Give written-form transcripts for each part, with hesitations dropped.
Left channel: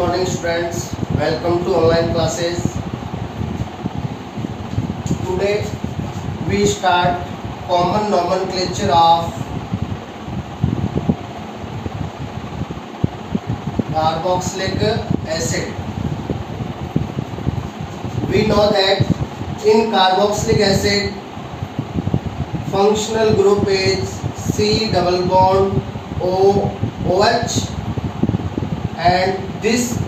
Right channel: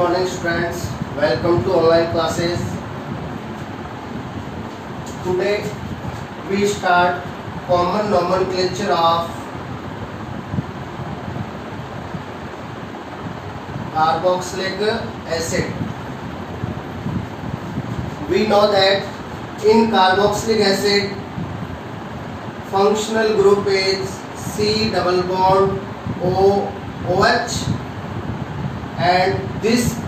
morning students, welcome to online classes. Today we start common nomenclature of carboxylic acid. We know that in carboxylic acid functional group is C double bond OH, and this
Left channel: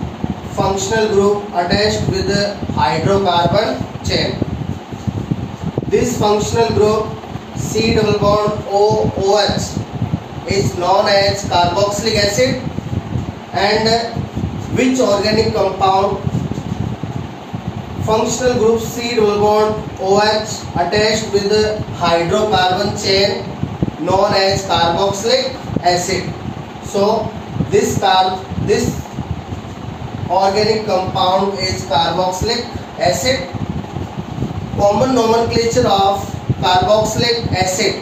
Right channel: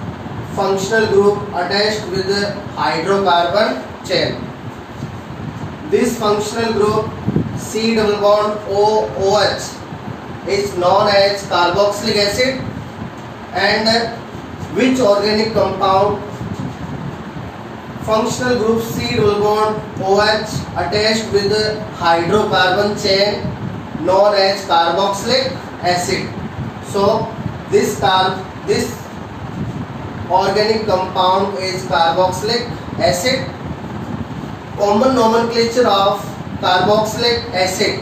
functional group attached with the hydrocarbon chain. This functional group C double bond OH is known as carboxylic acid, and which organic compound functional group C double bond OH attached with the hydrocarbon chain known as carboxylic acid. So this organic compound is carboxylic acid. Common nomenclature of carboxylic acid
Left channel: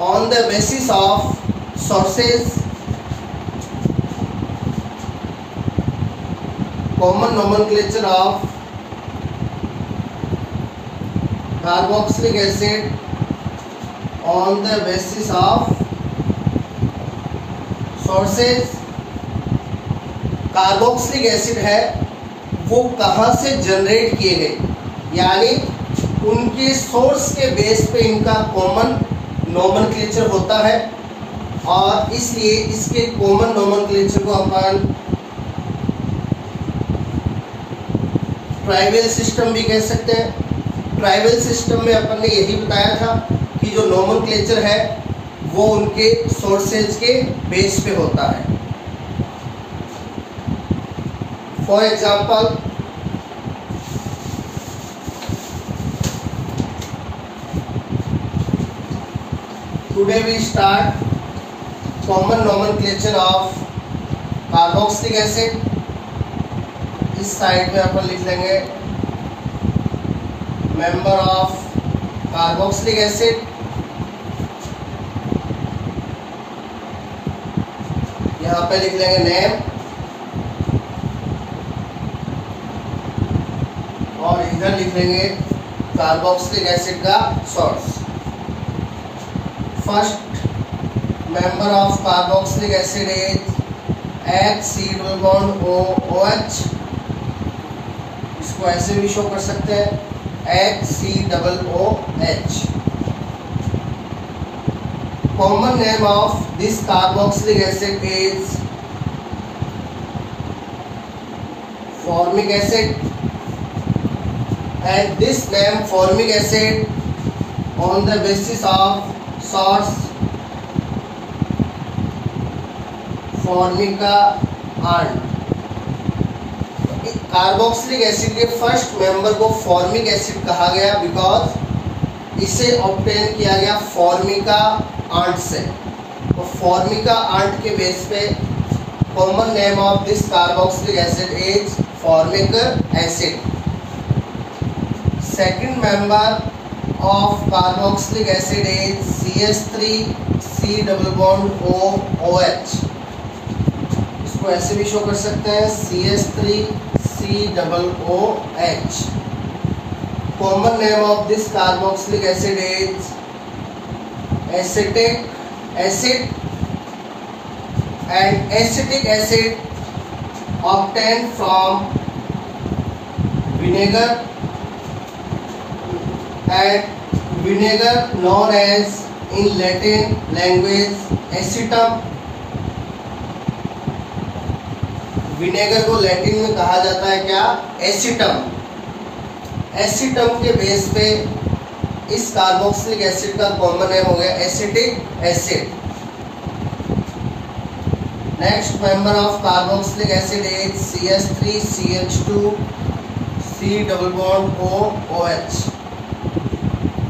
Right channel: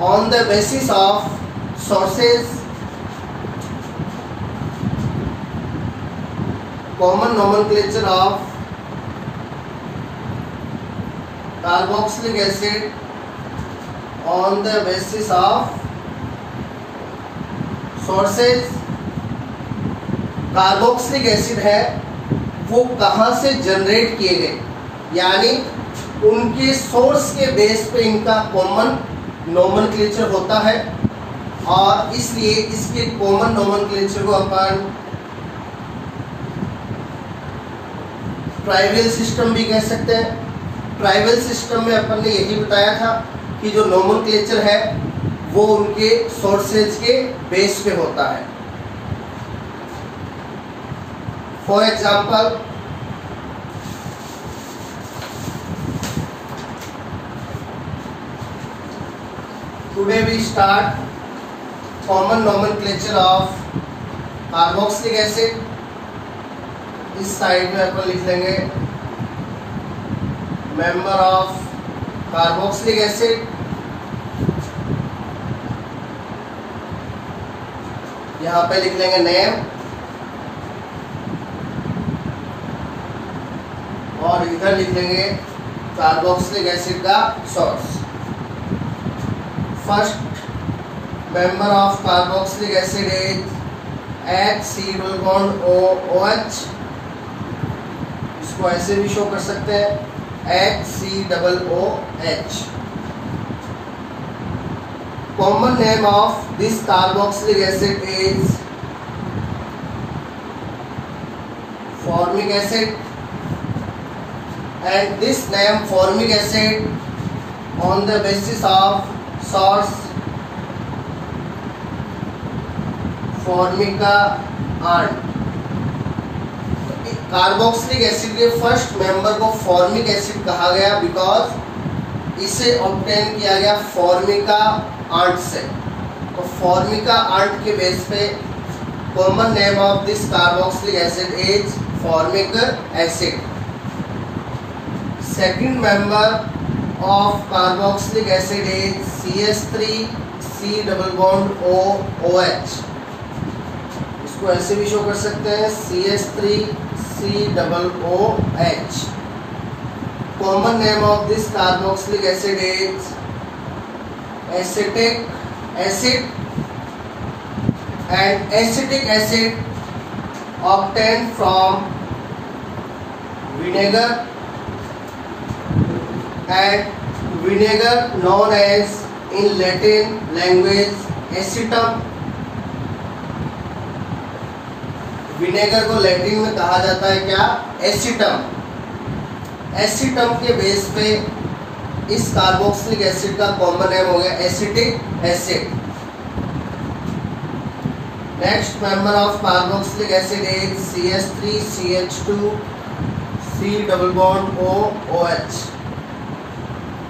on the basis of sources. Common nomenclature of carboxylic acid on the basis of sources. Carboxylic acid है वो कहाँ से generate किए गए, यानी उनके source के base पे इनका कॉमन नोमेनक्लेचर होता है, और इसलिए इसके कॉमन नोमेनक्लेचर को अपन ट्राइवल सिस्टम भी कह सकते हैं. ट्राइवल सिस्टम में अपन ने यही बताया था कि जो नोमेनक्लेचर है वो उनके सोर्सेज के बेस पे होता है. For example, today we start common nomenclature of carboxylic acid. इस साइड पे अपन लिख लेंगे मेंबर ऑफ कार्बोक्सिलिक एसिड. यहाँ पे लिख लेंगे नेम, और इधर लिख लेंगे कार्बोक्सिलिक एसिड का source. First member of carboxylic acid is HC double bond OH. इसको ऐसे भी शो कर सकते हैं HCOOH. Common name of this carboxylic acid is formic acid, and this name formic acid on the basis of source formica ant. Carboxylic acid के first member को formic acid कहा गया बिकॉज इसे ऑब्टेन किया गया फॉर्मिका आंट से. तो Formica aunt के बेस पे common name of this carboxylic acid is formic acid. Second member of carboxylic acid is CH3C double bond OH. इसको ऐसे भी शो कर सकते हैं CH3C double OH. Common name of this carboxylic acid is acetic acid, and acetic acid obtained from vinegar, and vinegar known as in Latin language acetum. Vinegar को Latin में कहा जाता है क्या? एसिटम. एसिटम के बेस पे इस कार्बोक्सिलिक एसिड का कॉमन नेम हो गया acetic acid. Next member of carboxylic acid is CH3CH2C double bond OH,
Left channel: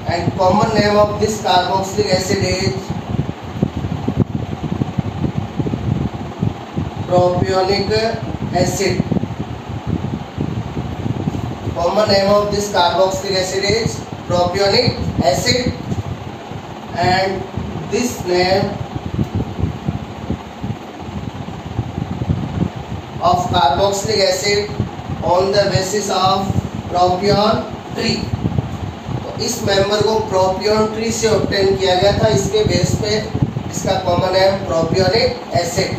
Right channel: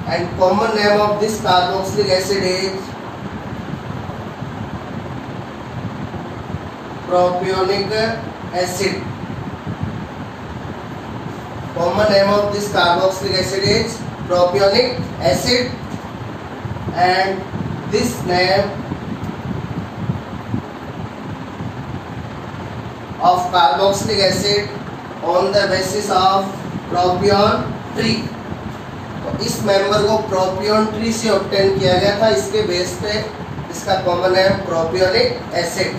and common name of this carboxylic acid is propionic acid. Common name of this carboxylic acid is propionic acid, and this name of carboxylic acid on the basis of propion tree. तो इस member को propion tree से obtain किया गया था, इसके base पे इसका कॉमन है propionic acid.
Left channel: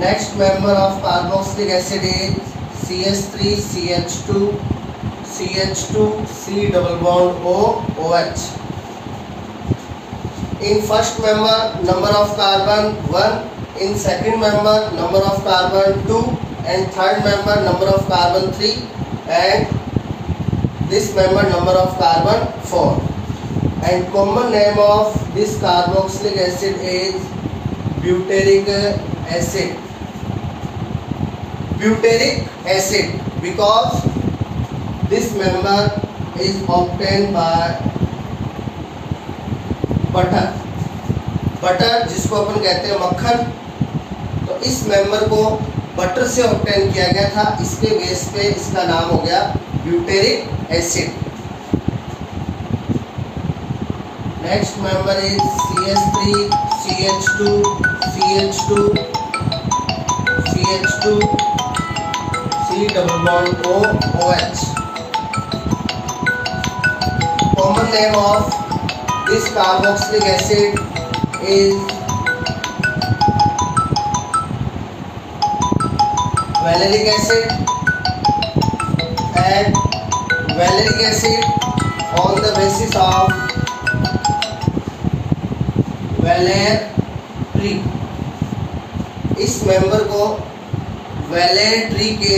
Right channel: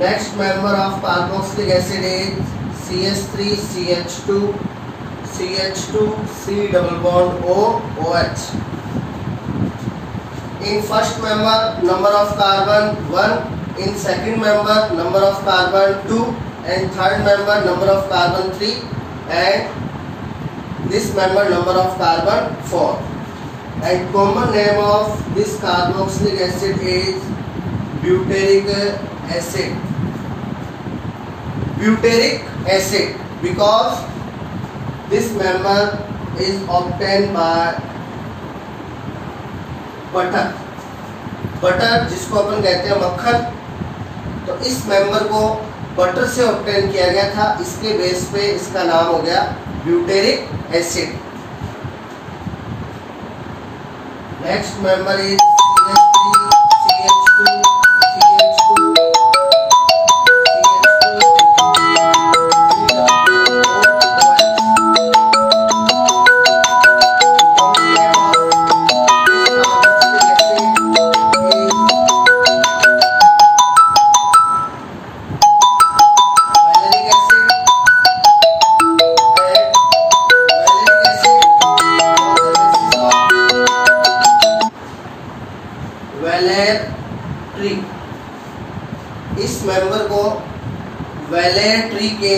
Next member of carboxylic acid is CH3CH2 CH2 C double bond O OH। In first member number of carbon 1, in second member number of carbon 2, and third member number of carbon 3, and this member number of carbon 4, and common name of this carboxylic acid is butyric acid। Butyric acid because this member is obtained by butter जिसको अपन कहते हैं मक्खन। तो इस member को butter से obtain किया गया था, इसके बेस पे इसका नाम हो गया butyric acid. Next member is CH3 CH2 CH2 CH2 C double bond O OH। Common name of this carboxylic acid is valeric acid, and valeric acid on the basis of वेलेर tree. इस member को वेलेर tree के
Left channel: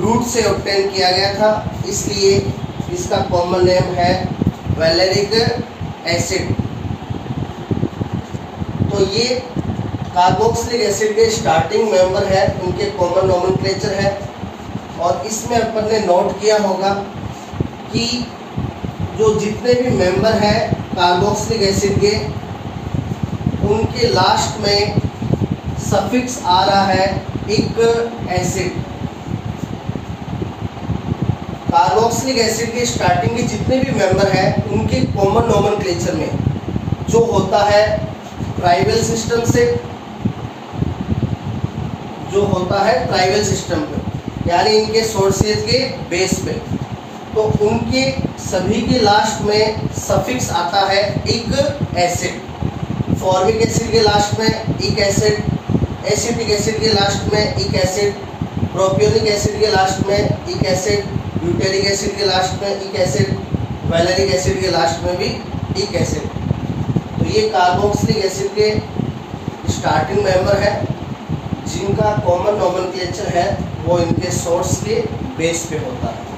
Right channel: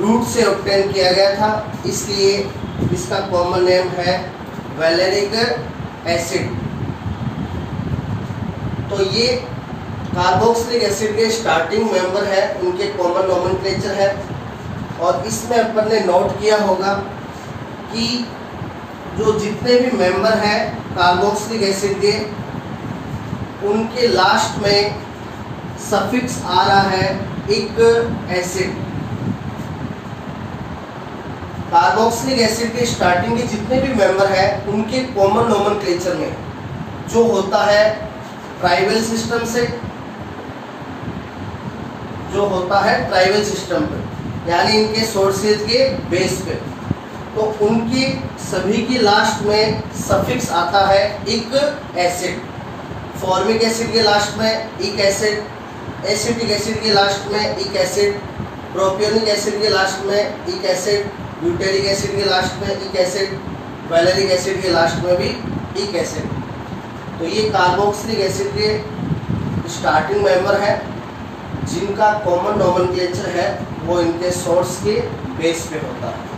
root से obtain किया गया था, इसलिए इसका कॉमन नेम है वेलेरिक एसिड। तो ये कार्बोक्सिलिक एसिड के स्टार्टिंग मेंबर है, उनके कॉमन नोमेनक्लेचर है। और इसमें अपन ने नोट किया होगा कि जो जितने भी मेंबर हैं कार्बोक्सिलिक एसिड के, उनके लास्ट में सफिक्स आ रहा है इक एसिड। कार्बोक्सिलिक एसिड के स्टार्टिंग के जितने भी मेंबर हैं उनके कॉमन नोमेनक्लेचर में जो होता है ट्राइबल सिस्टम से, जो होता है ट्राइबल सिस्टम पे, यानी इनके सोर्सेज के बेस पे, तो उनके सभी के लास्ट में सफिक्स आता है इक एसिड। फॉर्मिक एसिड के लास्ट में इक एसिड, एसिटिक एसिड के लास्ट में इक एसिड, प्रोपियोनिक एसिड के लास्ट में इक एसिड, ब्यूटेरिक एसिड के लास्ट में इक एसिड, वैलेरिक एसिड के लास्ट में भी इक एसिड। तो ये कार्बोक्सिलिक एसिड के स्टार्टिंग मेंबर है जिनका कॉमन नोमेनक्लेचर है वो इनके सोर्स के बेस पे होता है।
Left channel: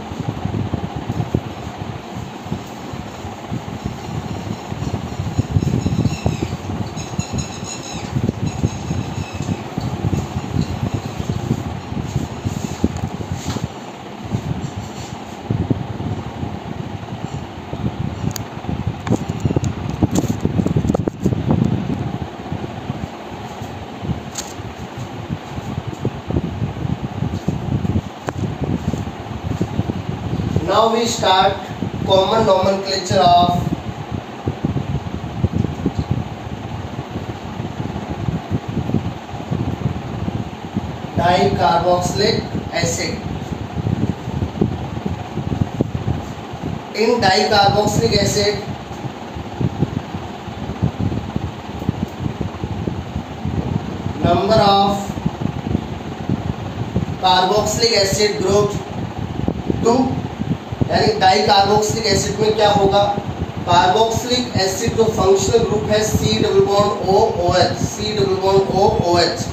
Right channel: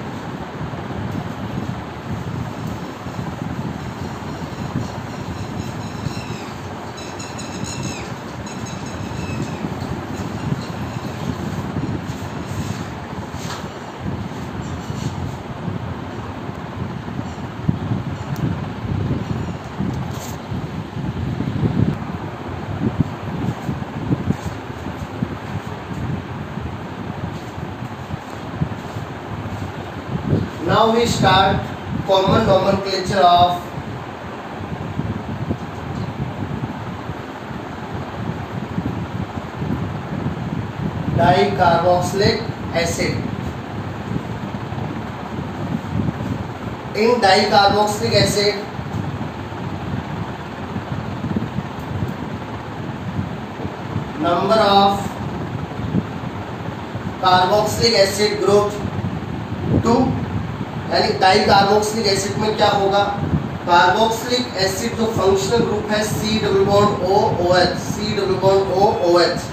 Now we start common nomenclature of dicarboxylic acid. In dicarboxylic acid, number of carboxylic acid group 2, यानी डाई कार्बोक्सिलिक एसिड में क्या होगा, कार्बोक्सिलिक एसिड जो फंक्शनल ग्रुप है C double bond O OH, C double bond O OH,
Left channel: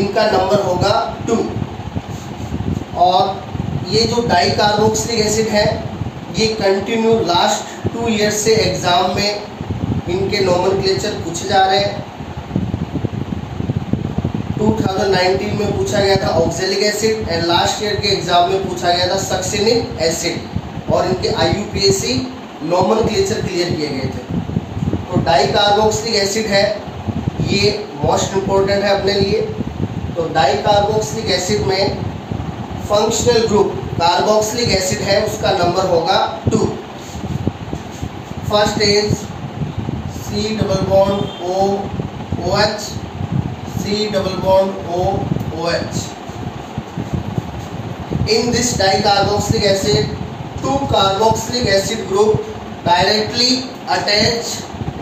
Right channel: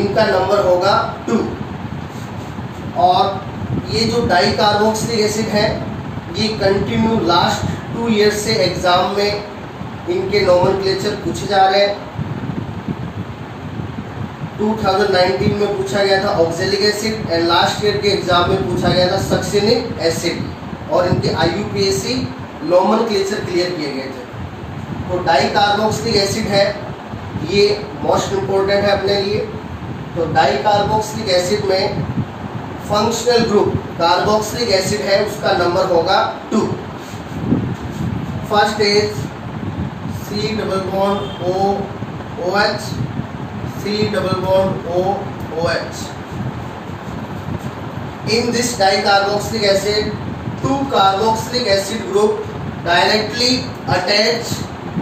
इनका number होगा 2। और ये जो डाई कार्बोक्सिलिक एसिड है ये कंटिन्यू लास्ट 2 ईयर्स से एग्जाम में इनके नोमेनक्लेचर पूछे जा रहे हैं। 2019 में पूछा गया था oxalic acid and last year के एग्जाम में पूछा गया था सक्सिनिक एसिड, और इनके IUPAC नोमेनक्लेचर क्लियर किए गए थे। तो डाई कार्बोक्सिलिक एसिड है ये मोस्ट इम्पोर्टेंट है अपने लिए। तो डाई कार्बोक्सिलिक एसिड में फंक्शनल ग्रुप कार्बोक्सिलिक एसिड है, उसका नंबर होगा 2। First is C double bond O OH, C C double bond O OH. In this dicarboxylic acid, two carboxylic acid group directly attach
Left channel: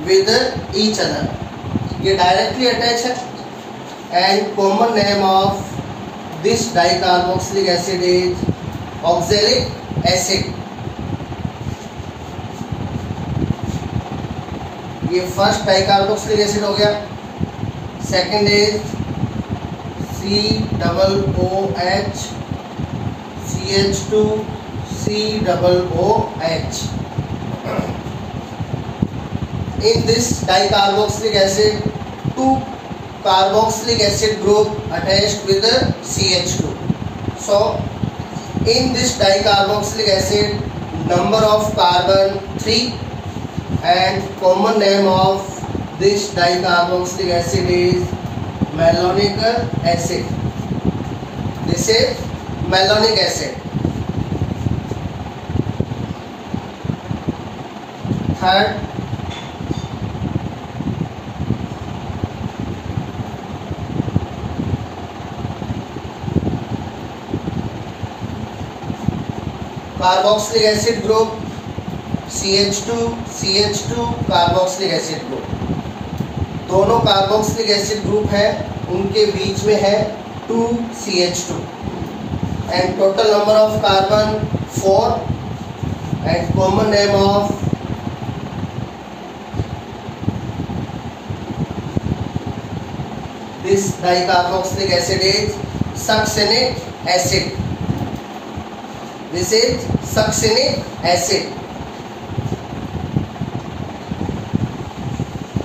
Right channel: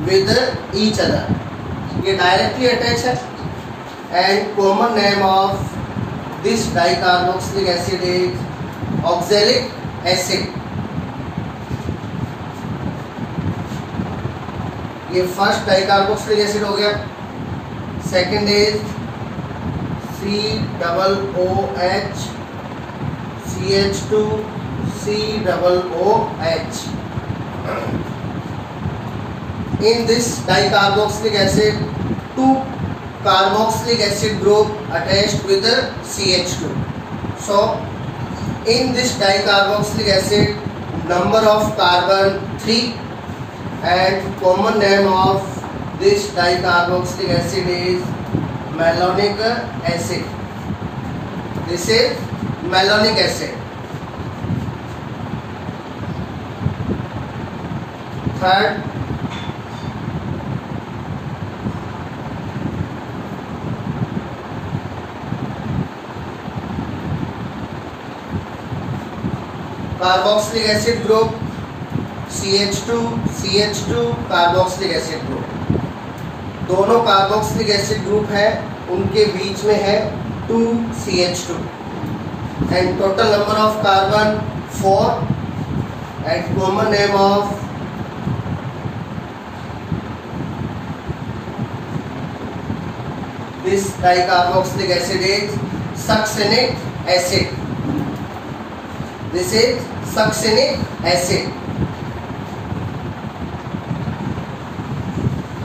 with each other. ये directly attach है, and common name of this dicarboxylic acid is oxalic acid. ये first dicarboxylic acid हो गया. Second is COOH CH2 COOH. In this dicarboxylic acid, two carboxylic acid group attached with the CH2. So in this dicarboxylic acid, number of carbon 3, and common name of this dicarboxylic acid is malonic acid. This is malonic acid. Third, carboxylic acid group CH2 CH2 carboxylic acid group. दोनों carboxylic acid group है, उनके बीच में है 2 CH2 and total number of carbon 4 and common name of this dicarboxylic acid is succinic acid. This is succinic acid.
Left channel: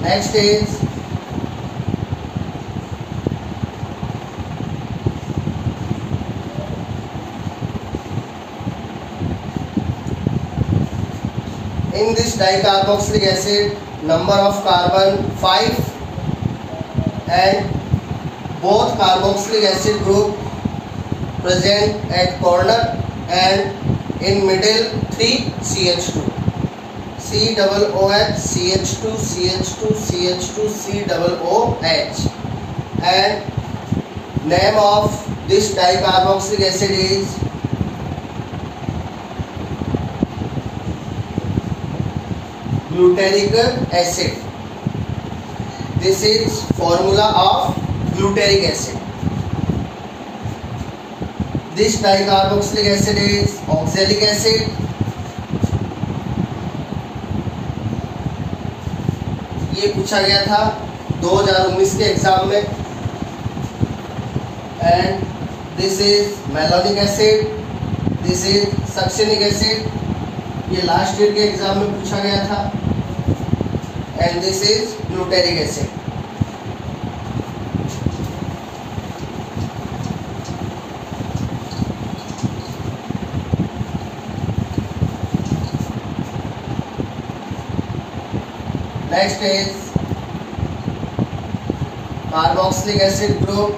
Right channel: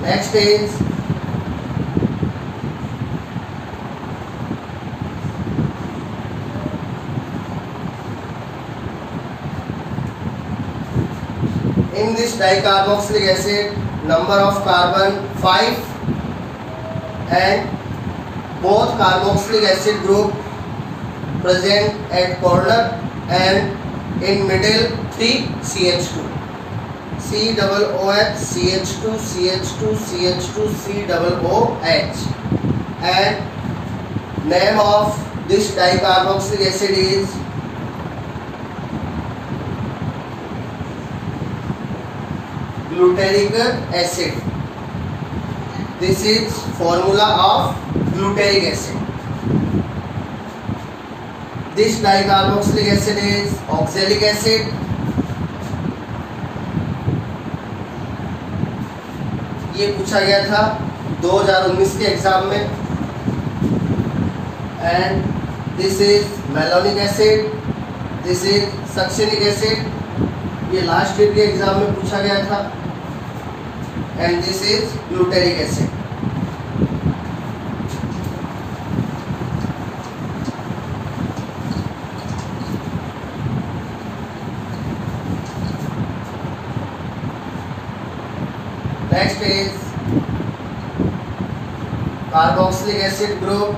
Next is in this dicarboxylic acid, number of carbon 5 and both carboxylic acid group present at corner and in middle 3 CH2. COOH CH2 CH2 CH2 COOH, and name of this dicarboxylic acid is glutaric acid. This is formula of glutaric acid. This dicarboxylic acid is oxalic acid. ये पूछा गया था 2019 के exam में. And this is malonic acid, this is succinic acid. ये last year के exam में पूछा गया था. And this is glutaric acid. Next is carboxylic acid group.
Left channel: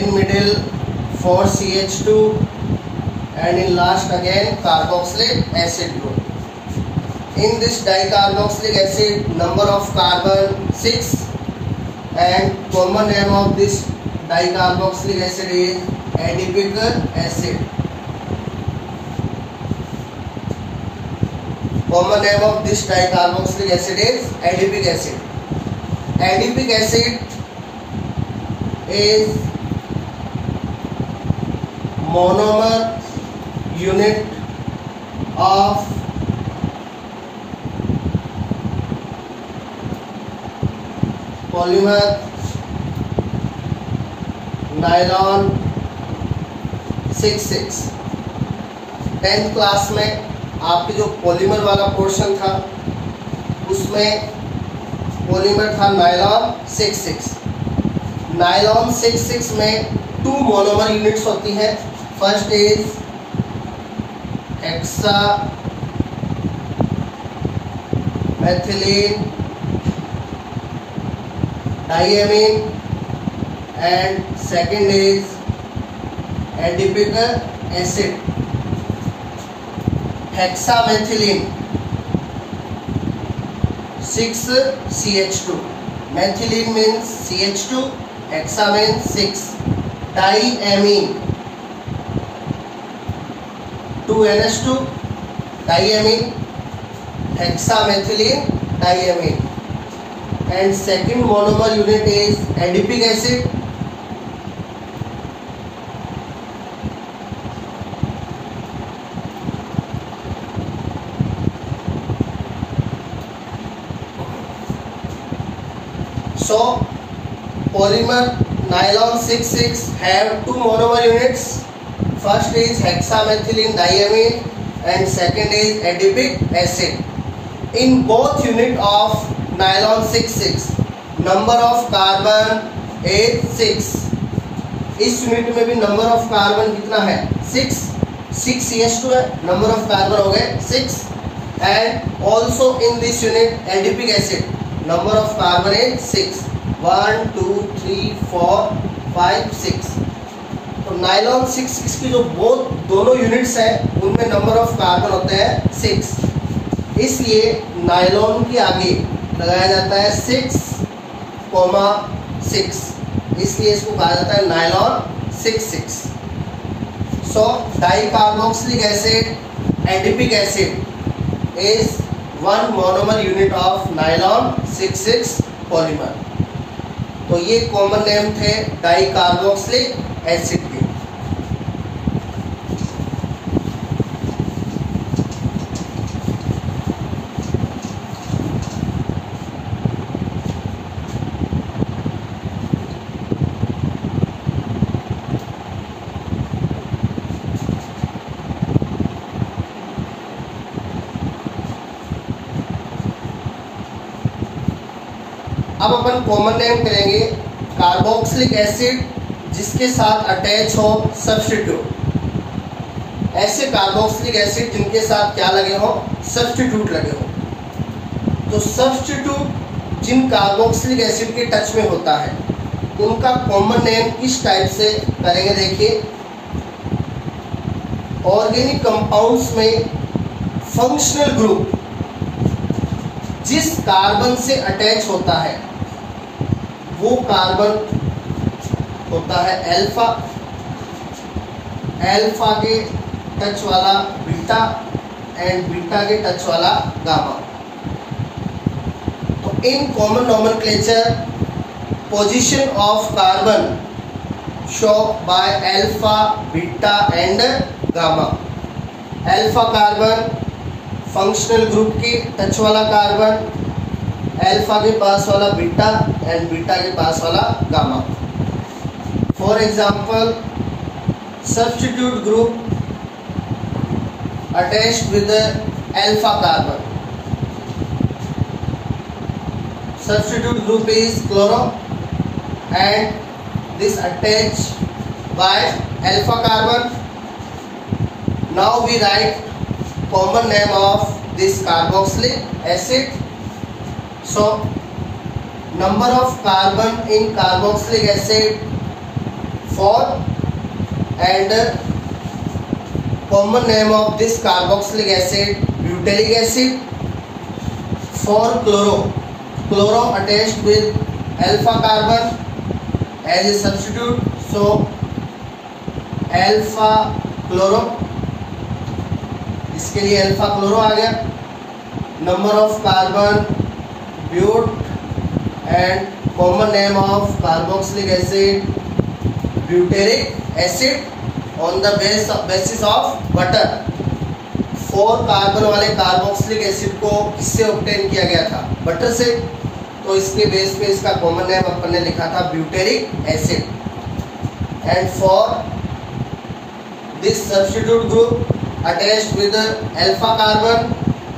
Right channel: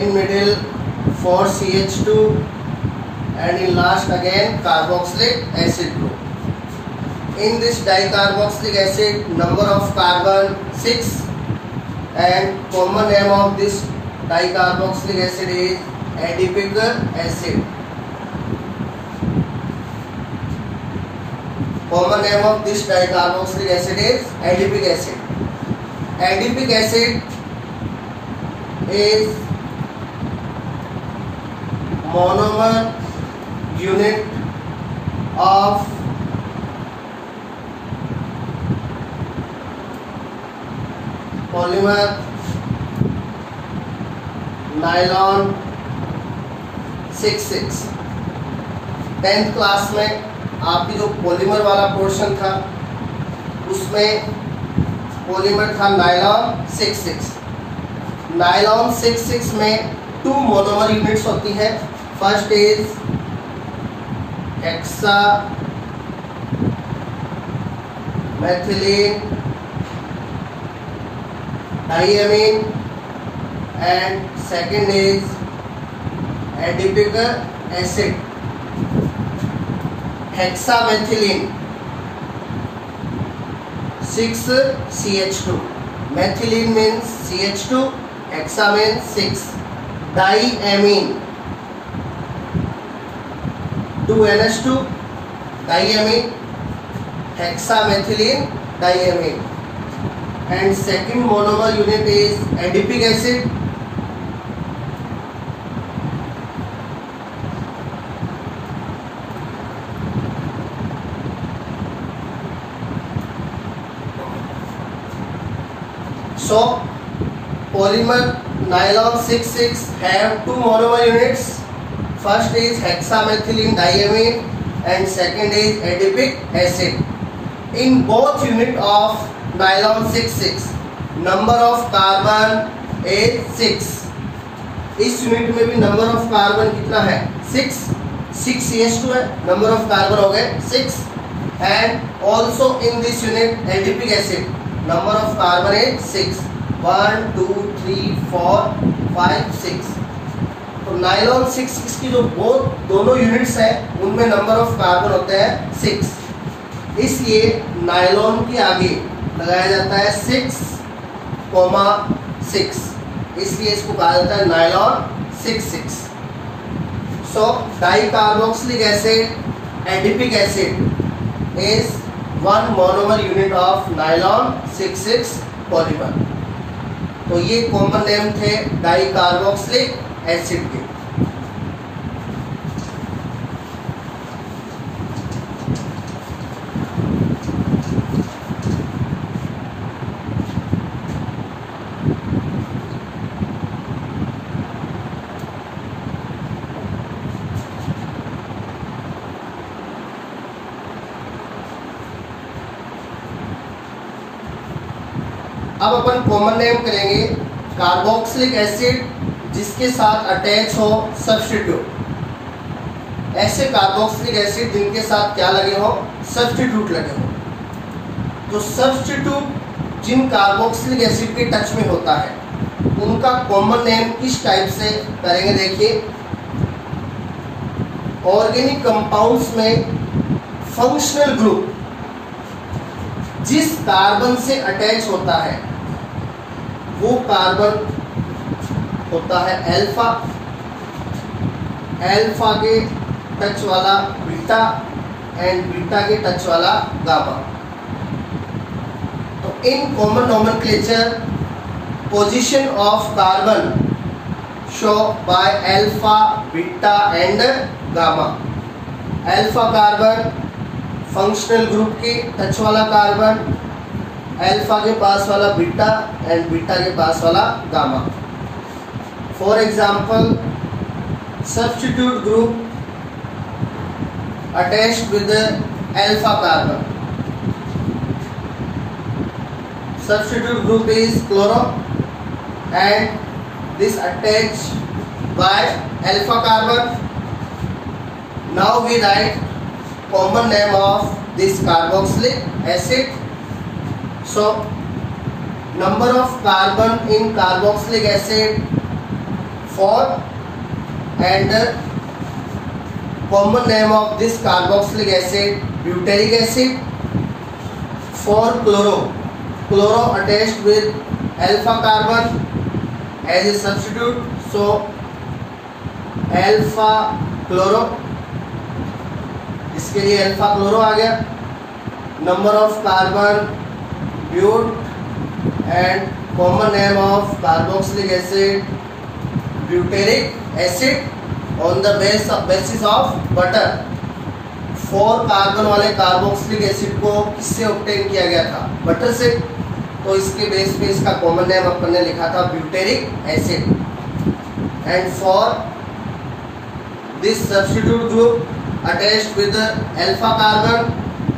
In middle 4 CH2 and in last again carboxylic acid group. In this dicarboxylic acid, number of carbon 6 and common name of this dicarboxylic acid is adipic acid. Common name of this dicarboxylic acid is adipic acid. Adipic acid is monomer unit of polymer nylon 6,6. 10th class में आपकी जो polymer वाला portion था उसमें polymer था nylon 6,6. Nylon 6,6 में 2 monomer units होती हैं. First is hexa methylene diamine and second is adipic acid hexamethylene. 6CH2. Methylene means CH2, hexa means 6. Diamine 2NH2, diamine, hexamethylene diamine. And second monomer unit is adipic acid. So polymer nylon 6,6 have two monomer units. First is hexamethylene diamine and second is adipic acid. In both unit of nylon 6,6 number of carbon is 6. इस unit में भी number of carbon कितना है 6. 6CH2 है, number of carbon हो गए 6. And also in this unit adipic acid number of carbon is 6. 1 2 3 4 5 6. तो nylon 6,6 की जो दोनों यूनिट्स हैं उनमें नंबर ऑफ कार्बन होते हैं 6. इसलिए नाइलॉन के आगे लगाया जाता है 6, 6. इसलिए इसको कहा जाता है nylon 6,6. So dicarboxylic acid adipic acid is one monomer unit of nylon 6,6 polymer. तो ये कॉमन नेम थे डाइकार्बोक्सिलिक एसिड के. अब अपन कॉमन नेम करेंगे कार्बोक्सिलिक एसिड जिसके साथ अटैच हो सब्स्टिट्यूट. ऐसे कार्बोक्सिलिक एसिड जिनके साथ क्या लगे हो सब्स्टिट्यूट लगे हो. तो सब्स्टिट्यूट जिन कार्बोक्सिलिक एसिड के टच में होता है उनका कॉमन नेम किस टाइप से करेंगे. देखिए ऑर्गेनिक कंपाउंड्स में फंक्शनल ग्रुप जिस कार्बन से अटैच होता है वो कार्बन होता है अल्फा. अल्फा के टच वाला बीटा एंड बीटा के टच वाला गामा. तो in common nomenclature position of carbon show by alpha, beta and gamma. Alpha carbon functional group के टच वाला कार्बन, अल्फा के पास वाला बीटा एंड बीटा के पास वाला gamma. For example substitute group attached with alpha carbon. Substitute group is chloro and this attached by alpha carbon. Now we write common name of this carboxylic acid. So number of carbon in carboxylic acid 4 and common name of this carboxylic acid butyric acid. 4 chloro. Chloro attached with alpha carbon as a substitute, so alpha chloro. इसके लिए alpha chloro आ गया. Number of carbon but and common name of carboxylic acid butyric acid on the basis of butter. 4 carbon वाले carboxylic acid को किससे obtain किया गया था बटर से. तो इसके बेस पे इसका कॉमन नेम अपन ने लिखा था butyric acid. And for this substitute group attached with alpha carbon,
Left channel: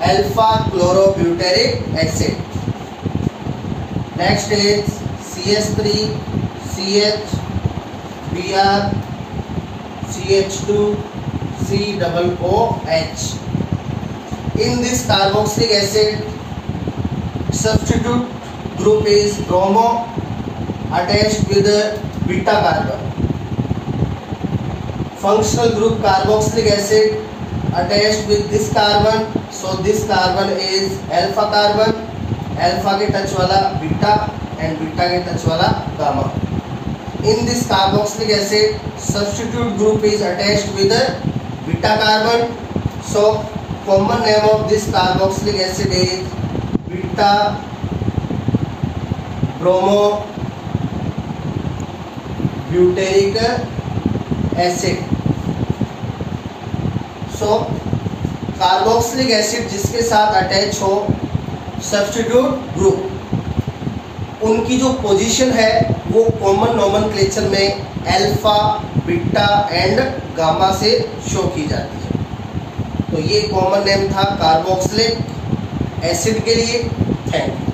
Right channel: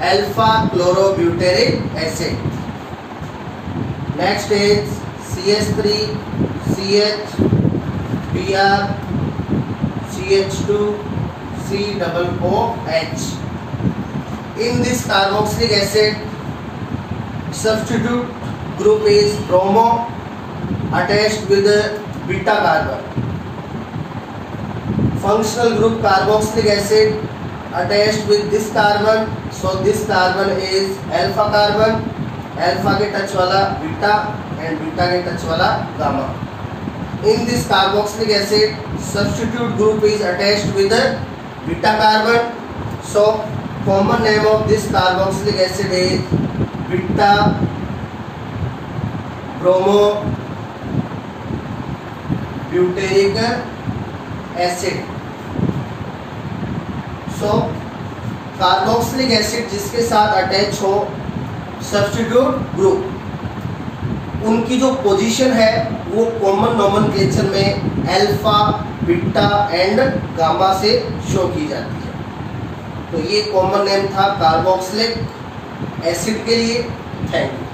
alpha chlorobutyric acid. Next is CH3, CH, Br, CH2, COOH. In this carboxylic acid, substitute group is bromo attached with beta carbon. Functional group carboxylic acid attached with this carbon, so this carbon is alpha carbon alpha के touch वाला beta and beta के touch वाला gamma. In this carboxylic acid, substitute group is attached with a beta carbon. So common name of this carboxylic acid is beta bromo butyric acid. So carboxylic acid जिसके साथ attach हो substitute group, उनकी जो position है वो common nomenclature में alpha, beta and gamma से show की जाती है. तो ये कॉमन नेम था कार्बोक्सिलिक एसिड के लिए. Thank you.